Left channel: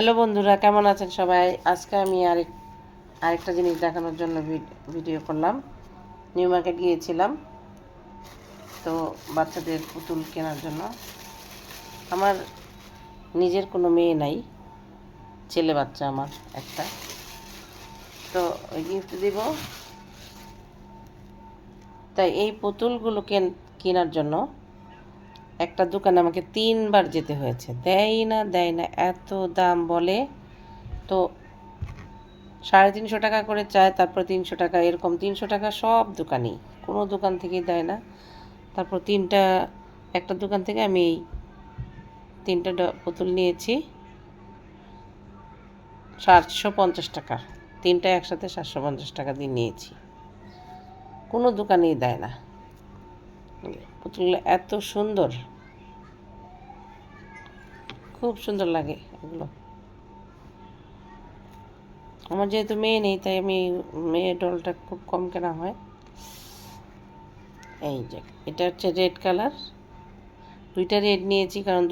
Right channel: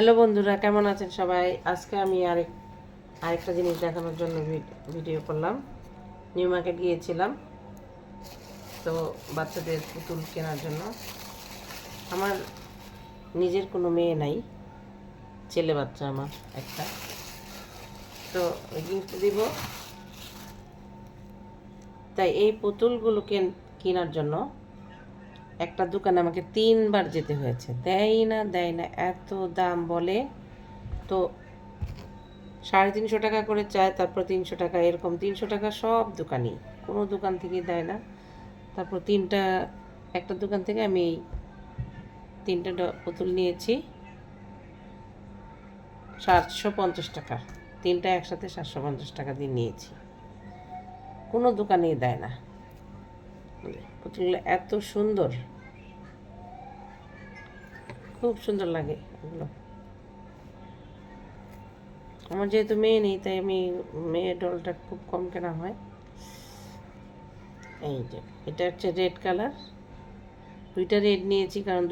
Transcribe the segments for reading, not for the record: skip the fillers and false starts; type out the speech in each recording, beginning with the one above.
Hello বন্ধুরা, কেমন আছেন সবাই? আজকে আমি আরেকটা জিনিস দেখানোর জন্য ভিডিও করলাম। নিউ মার্কেট গিয়েছিলাম তো বাচ্চাদের পুতুল কেনার জন্য। আমার নিজের কোনো মেয়ে নাই, ছেলে বাচ্চা আমার একটা, তো গিফট দিব। তাই এই পুতুলগুলো কেনার জন্য একটা দোকানে আমাকে 3বার যেতে হয়েছে। দেয় না, এত দাম বলে। তো 350 টাকা করে চায়, তারপর 300 টাকা, এরকম 300 টাকা সব দোকানই, কোনো দোকান থেকেই দেয় না। তারপর একটা দোকান থেকে আমি এই 3টা পুতুল নিয়েছি 750 টাকা। 3টা একসাথে 750 টাকা দিয়ে নিয়েছি। কোনো দোকানেই দেয় না। পুতুলগুলো এত সুন্দর, খুব সুন্দর লাগে এগুলো। আমার যেহেতু মেয়ে নেই, তাই আমি মেয়ে ডলটা খুব কম কেনা হয়। এই যে এটা হচ্ছে রেড কালার, 2টা রেড নিয়েছি কারণ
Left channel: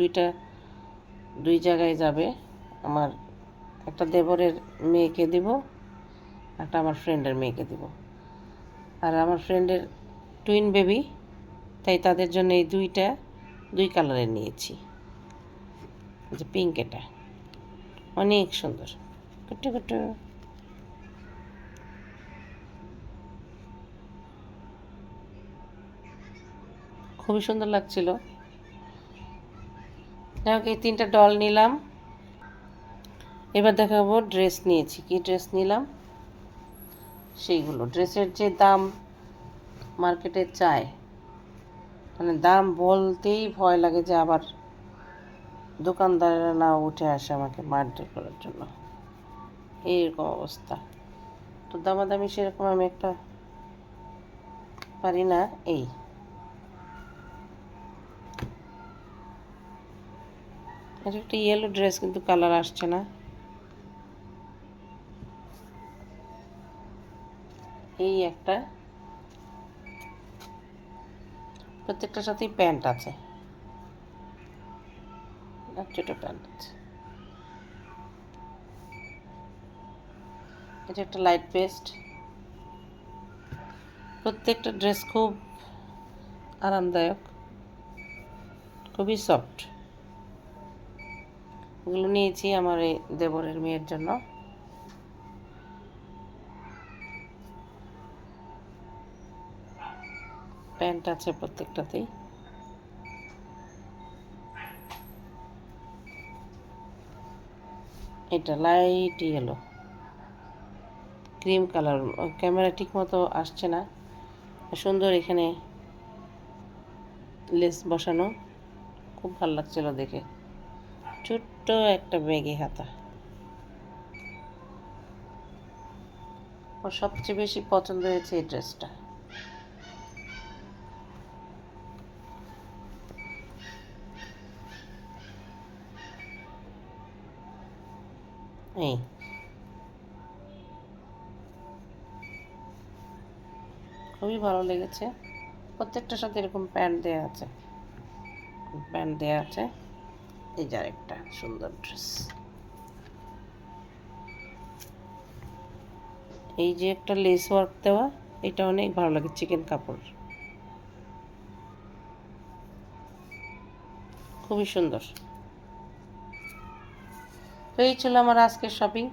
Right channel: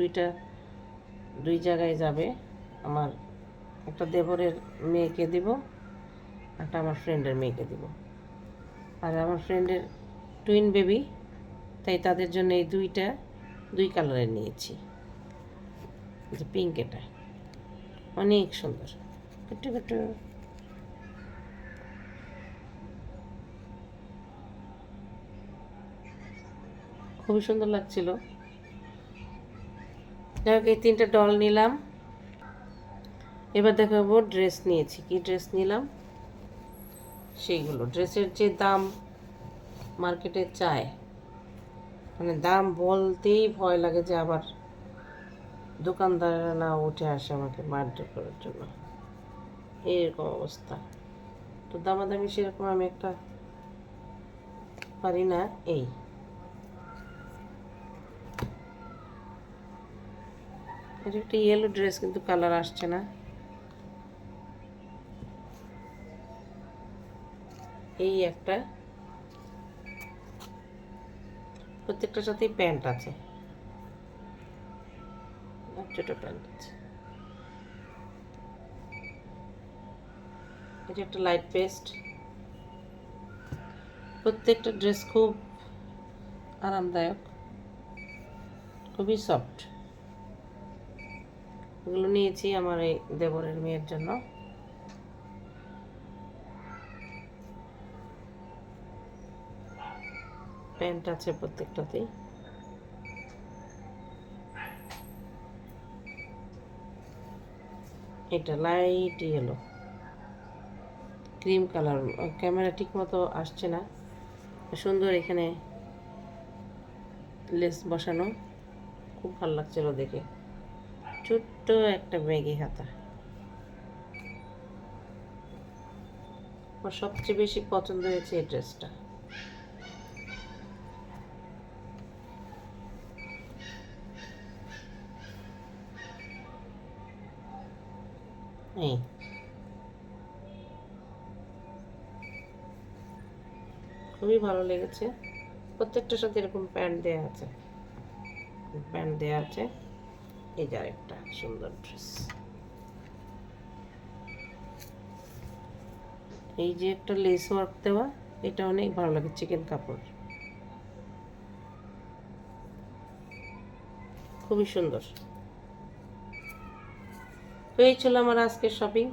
দুই জায়গায় যাবে। আমার একটা দেবরের মেয়েকে দিব, একটা আমার ফ্রেন্ডের মেয়েকে দিব। আর আমার ফ্রেন্ডের টুইন বেবি, তাই তাদের জন্য এই দুই কালারের নিয়েছি। যে পিঙ্ক, এটা অনেক সুন্দর, কুট্টু কুট্টু। খুবই সুন্দর লাগছিল। যাই হোক, এই 3টা ডল নিলাম। এবার দেখাবো ড্রেস নিয়েছি, কি ড্রেস নিলাম সেইগুলো। ড্রেসের যে দাম মার্কেটে চায়, মানে দাম বলতেই ভয় লাগে যে আবার দোকানদারেরা না উঠে আসে আমাকে মারধর করার জন্য, এইরকম অবস্থা। তো দামাদামি সেরকম আমি একটা পারি না। এটা একটা ইয়েলো ড্রেস, কিন্তু কালার আসছে না। এই একটা, প্রত্যেকটার সাথেই প্যান্ট আছে, ছোটো প্যান্ট আছে। এটা একটা লাইট পেস্ট। প্রত্যেকটা ড্রেস খুব আরামদায়ক, খুবই সফট। এগুলো নিয়েছি আমার এই দেবরের মেয়ের জন্য। প্যান্ট আছে প্রত্যেকটাতেই। এটা light yellow, cream colour. Camera ঠিক মতো আসছে না। সুন্দর এখানে লেস বসানো, খুব ভালো লাগছিল দেখে। ছোট্ট একটা ব্যাগে হাতা। আমার সবচেয়ে বেশি পছন্দ হয়েছে এই ড্রেসটা। এই খুবই ভালো লেগেছে। প্রত্যেকটার সাথে এরকম প্যান্ট দেওয়া আছে। এই যে একটা সুন্দর ড্রেস। এই যে একটা লেস ওয়ার্ক দেওয়া, এটা অনেক ভালো লাগে, চিকেন কাপড়, খুবই সুন্দর। তো এই ছিল আমার আজকের শপিং।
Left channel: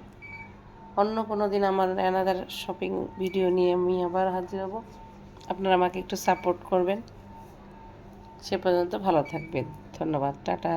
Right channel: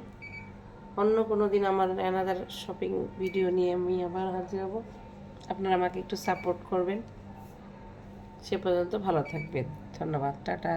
অন্য কোনো দিন আমার অ্যানাদার শপিং ভিডিও নিয়ে আমি আবার হাজির হব। আপনারা আমাকে একটু সাপোর্ট করবেন। সে পর্যন্ত ভালো থাকবেন। ধন্যবাদ, টাটা।